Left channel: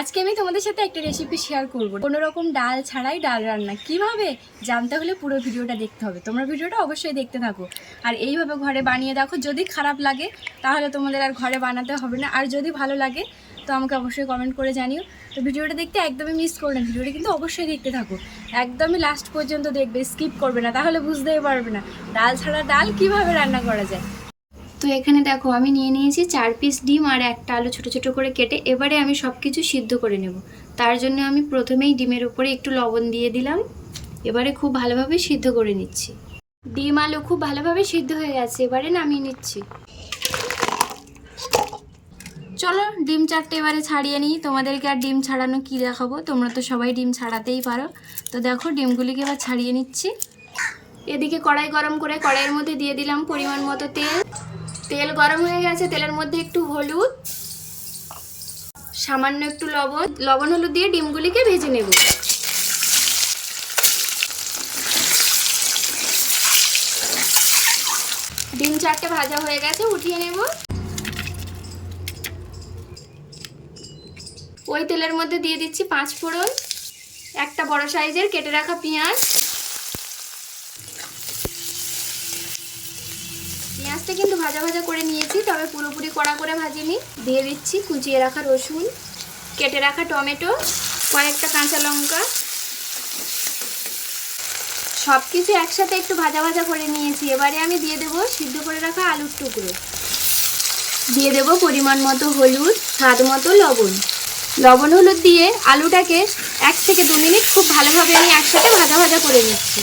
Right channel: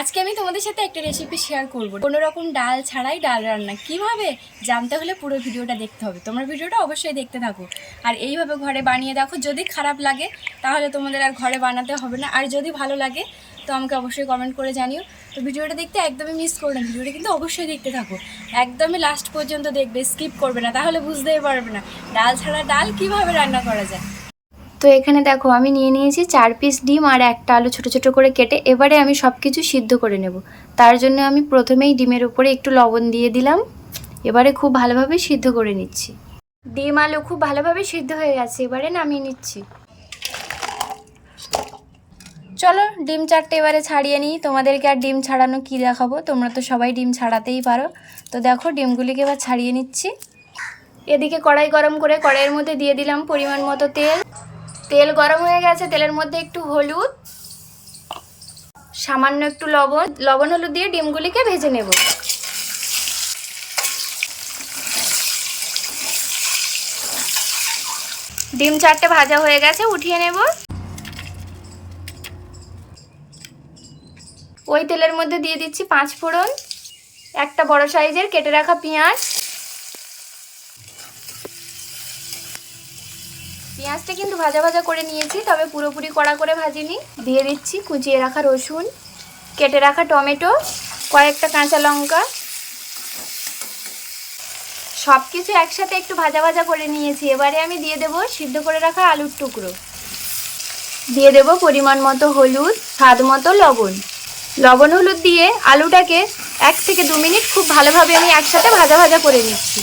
আজকে আমি তোমাদের সাথে একটা রেসিপি শেয়ার করব। কোনো রকম ডাল ছাড়াই ডাল রান্না কিভাবে জানতে হলে পুরো ভিডিওটা দেখতে হবে। তোমরা ভিডিওটা অবশ্যই দেখতে থাকো আর এইভাবে ঘরে বানিয়ে দেখো। যদি খারাপ লাগে তাহলে তোমাদের আর ঘরে বানাতে হবে না, আর যদি ভালো লাগে তো আমাকে অবশ্যই কমেন্ট করে জানিও। তো ভিডিওটা দেখতে একদমই মিস করো না, ভিডিওটা কিন্তু অবশ্যই দেখতে থাকো, একদমই লাস্ট পর্যন্ত দেখবে, স্কিপ করবে না, তাহলে বুঝতেই পারবে না ডাল ছাড়া ডাল কিভাবে রান্না করা যায়। তো এখানে দেখো আমি নিয়ে নিয়েছি 4 পিস ডিম আর একটা আলু ছোট ছোট করে কেটে। এবারে আমি সব কিছু সিদ্ধ করে নেব। তার জন্য আমি প্রথমেই ডিমের উপরে একটু লবণ দিয়ে দিলাম। এবারে খুব ভালোভাবে সিদ্ধ করে নিচ্ছি। ডিম আলু খুব ভালোভাবে সিদ্ধ হয়ে গেছে, এবারে নামিয়ে নিচ্ছি। চলো ডিম চারটে এবারে ছাড়িয়ে নিই। তোমাদেরকে আর ডিম ছাড়ানো কি দেখাবো, তোমরা তো সবাই ডিম ছাড়াতেই পারো। তো দেখো ডিমগুলিকে এবার ছাড়িয়ে নিচ্ছি। এদিকে কড়াই গরম করে কড়াইয়ের মধ্যে দিয়ে দিলাম পরিমাণ মতো তেল। তেল গরম হয়ে গেছে, তেলের মধ্যে একটু হলুদ, সামান্য একটু লবণ হলুদ দিয়ে ডিমগুলিকে ভেজে নেব। ডিম চারটে ভাজা হয়ে গেছে, উঠিয়ে নেব। ওই তেলের মধ্যে দিয়ে দিচ্ছি 5 ফোড়ন, একটা বড় সাইজের কেটে রাখা পেঁয়াজ। পেঁয়াজটা কিন্তু ভাজা ভাজা করে নিয়েছি, তবে পুরোপুরি কড়া করে ভাজিনি। দিয়ে দিচ্ছি কুচিয়ে রাখা রসুন, কেটে রাখা টমেটো, কয়েকটা কাঁচা লঙ্কা। সব কিছু একসাথে একটু ভাজা ভাজা করে নিয়েছি। এবারে আমি দিয়ে দেব সিদ্ধ করে রাখা আলুর টুকরো, দিয়ে দেব পরিমাণ মতো হলুদ, স্বাদ মতো লবণ হলুদ দিয়ে আলুটাকে 1 থেকে 2 মিনিট খুব ভালোভাবে আমি একসাথে ভাজা ভাজা করে নিচ্ছি।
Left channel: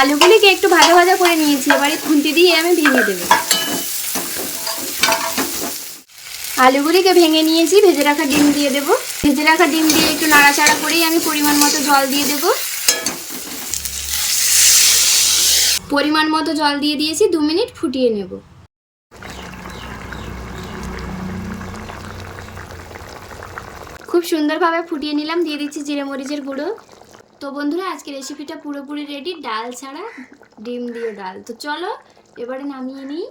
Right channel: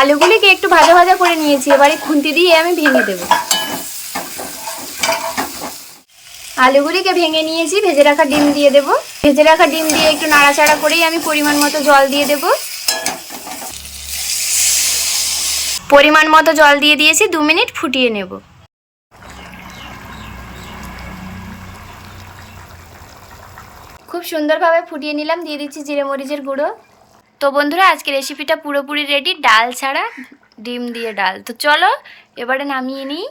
আলুগুলিকে একটু ভাজা ভাজা করে নিয়েছি, এবারে খুন্তি দিয়ে আমি ভেঙে দেব। আলুগুলিকে ভেঙে নিয়েছি, ভেজে রাখা ডিম দিয়ে দেব। ভেজে রাখা ডিম দিয়ে একটু নাড়াচাড়া করেই আমি পরিমাণ মতো জল দিয়ে দেব। পরিমাণ মতো জল দিয়ে দিয়েছি, 2 মিনিট ফুটিয়ে নেব। খুব সুন্দরভাবে ফুটিয়ে নিলাম, দিয়ে দিচ্ছি জিরে মরিচের গুঁড়ো। তো বন্ধুরা আজকে রেসিপিটা পুরোপুরি রেডি, ডাল ছাড়া ডিম দিয়ে ডাল। তো চলো এবারে নামিয়ে নিই।